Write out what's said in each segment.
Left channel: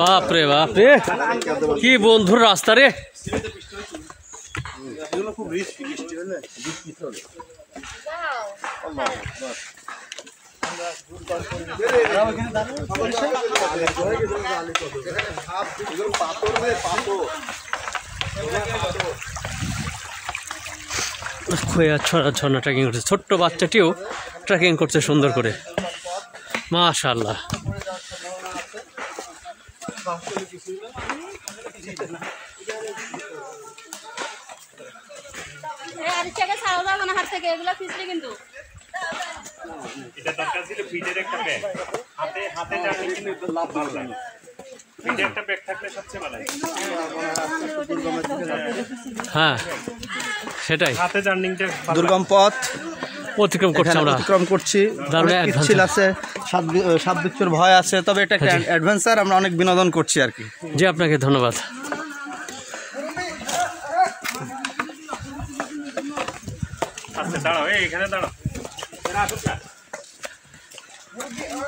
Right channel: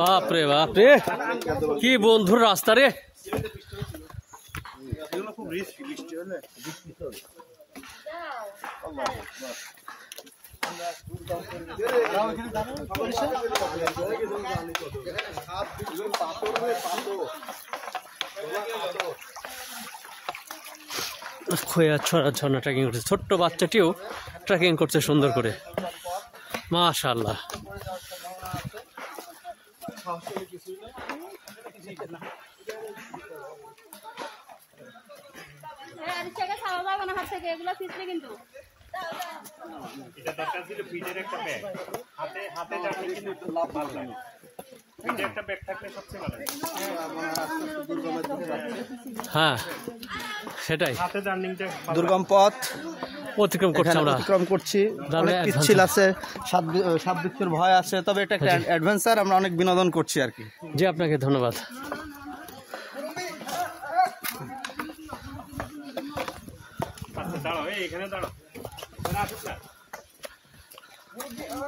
বাপ রে বাপ রে, কি বন্ধুর রাস্তা রে। খুব রিস্কি বৃষ্টি হলে খোয়া ঝর্ণা ট্রেকিং করছে, ছোট্ট বাচ্চাটিও ট্রেকিং করছে সুন্দর করে, মাশাআল্লাহ। হ্যাঁ সেটাই, দুর্গম পথ অতিক্রম করছি আমরা, অতিক্রম করছি। ছিল আছে, সাপ বিচ্ছুর ভয় আছে, তবে এটা একটা অ্যাডভেঞ্চার, আমরা অনেক বিনোদন করছি আর কি। জি আপনাকে ধন্যবাদ।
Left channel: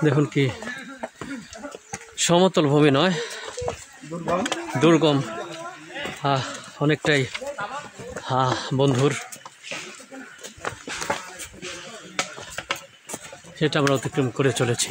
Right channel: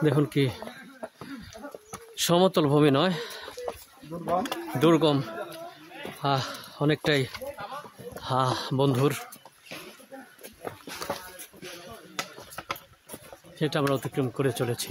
দেখুন কি সমতল ভূমি নয়, দুর্গম, অনেকটাই বন্ধুর, সেটা আমরা অতিক্রম করে চলেছি।